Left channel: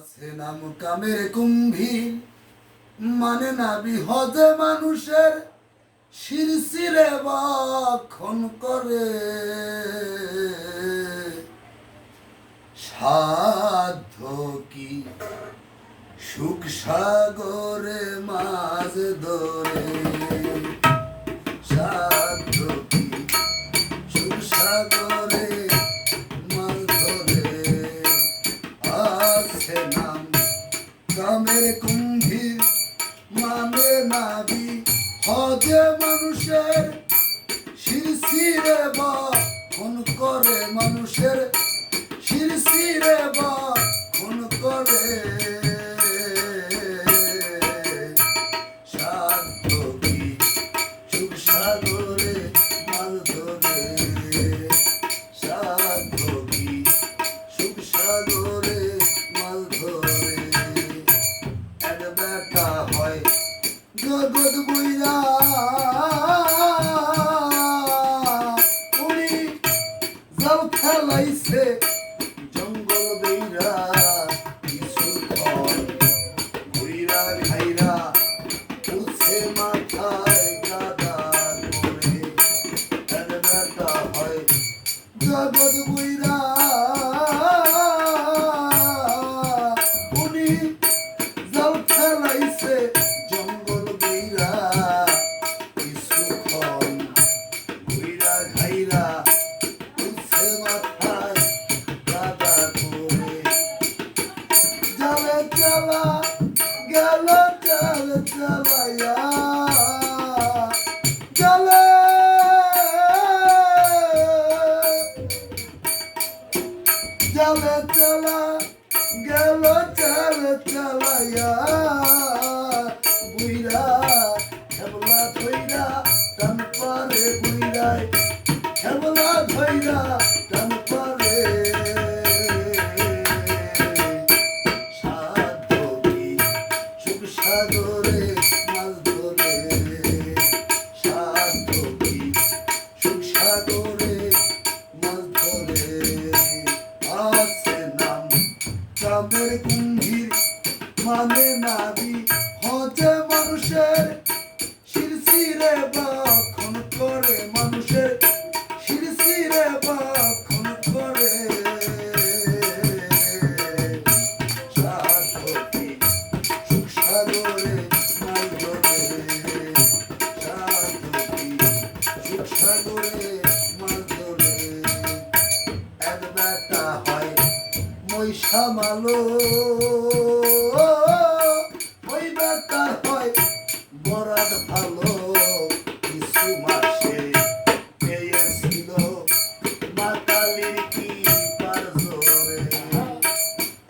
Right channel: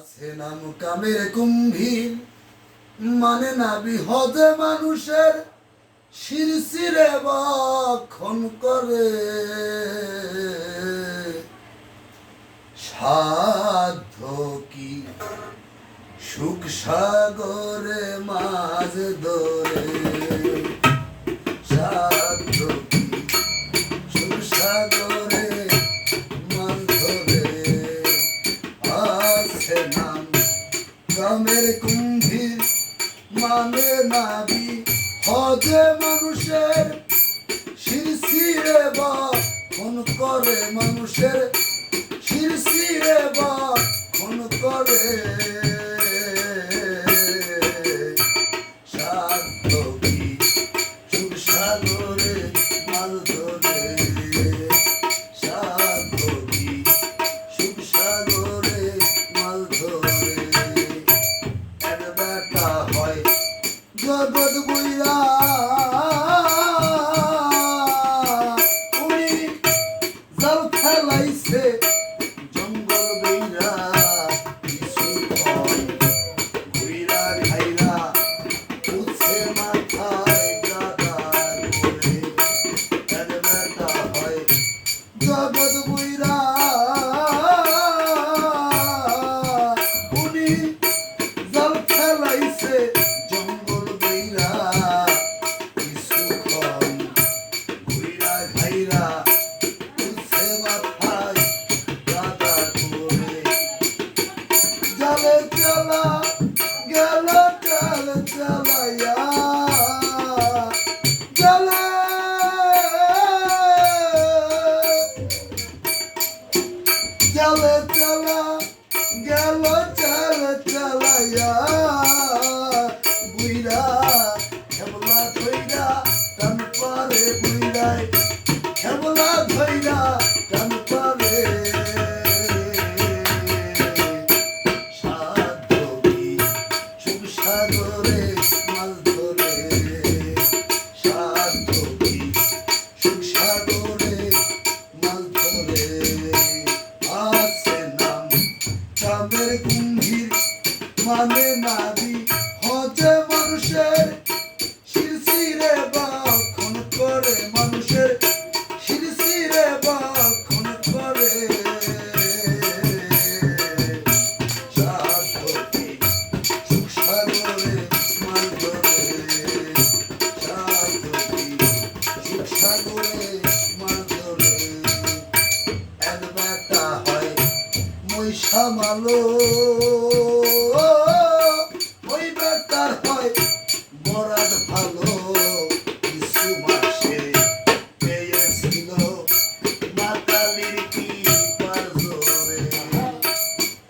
আছে নাম কামের কুম্ভীর, মানে না বিহদে মানুষের শিরশিরে বক্ষণ করে। সাধ্য কি সুখ সাগরে মাঝ ধরে, সাধ্য কি সুখ সাগরে মাঝ ধরে। আছে নাম কামের কুম্ভীর, মানে নাবি হজে মানুষের শিরশিরে বক্ষণ করে, মানুষের শিরশিরে বক্ষণ করে। সাধ্য কি সুখ সাগরে মাছ ধরে, সাধ্য কি সুখ সাগরে মাছ ধরে। এক বেটা হয় জগৎ বইরা, উনি জাল খেলাইছে জঙ্গল বেইরা, কিছুক্ষণ ঘুইরা খাইরা উঠছে মাথায় গাদা করে। এক বেটা হয় জগৎ বইরা, উনি জাল খেলাইছে জঙ্গল বেইরা, কিছুক্ষণ ঘুইরা খাইরা উঠছে মাথায় গাদা করে। জালে চালা গেল জাল চালাইয়া, জালে জালে চালা গেল জাল চালাইয়া, বুইরা খেবলা ধইরা টান পারে, বুইরায় খেবলা ধইরা টান পারে। সাধ্য কি সুখ সাগরে মাছ ধরে, সাধ্য কি সুখ সাগরে মাছ ধরে। আছে নাম কামের কুম্ভীর, মানে নাবি হজে মানুষের শিরশিরে বক্ষণ করে, মানুষের শিরশিরে বক্ষণ করে। সাধ্য কি সুখ সাগরে মাছ ধরে, সাধ্য কি সুখ সাগরে মাছ ধরে। এক বেটা হয় মহিষা মালো, ওই বেটার হয় বরাদ ভালো। কিছু মাসে পেয়েছিল মাতালির কি পার জোরে।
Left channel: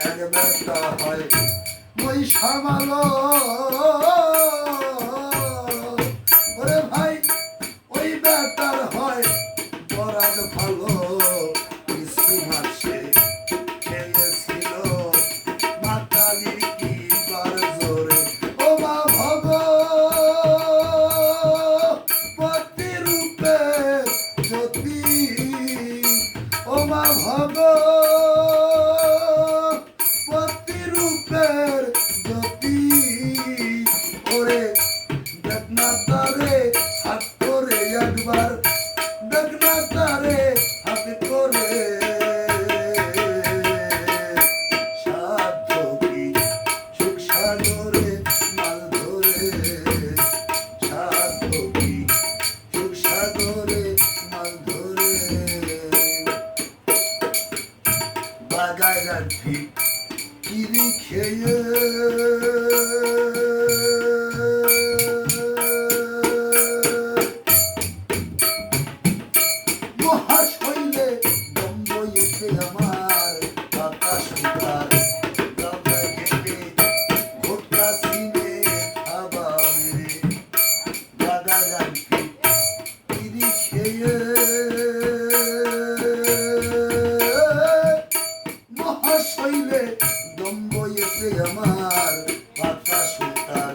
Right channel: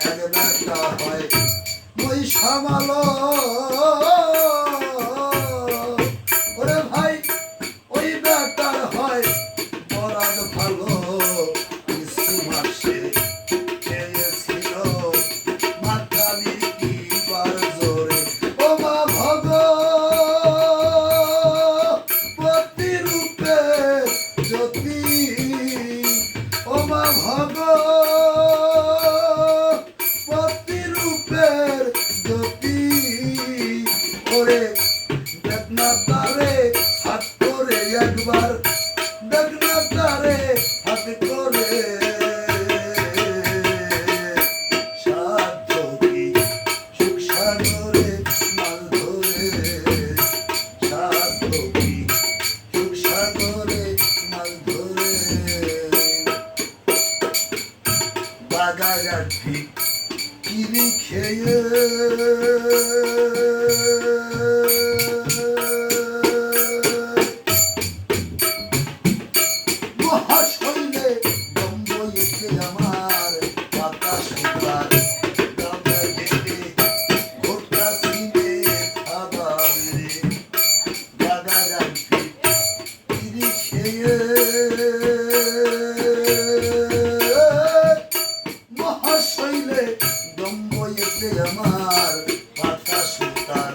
এক বেটা হয় মহিষা মালো, ওরে ভাই ওই বেটার হয় বরাদ ভালো। কিছু মাসে পেয়েছিল মাতালির কি পার জোরে। ও মা ভগবতী রূপে জ্যোতি, ও মা ভগবতী রূপের জ্যোতি। ওরে দেখ না তারে হাত করে একবার, দেখ না তারে হাত করে। সাধ্য কি সুখ সাগরে মাছ ধরে, সাধ্য কি সুখ সাগরে মাছ ধরে। বাগায় ঠিক কিরি খেয়ে, মহাশৈলে দম্বইতে আমার বাতাস উতার, গঙ্গা ঘেটে ঘোটা সিনে খাবারে। বাগায় ঠিক কিরি খেয়ে, মহাশৈলে দম্বইতে আমার বাতাস উতার।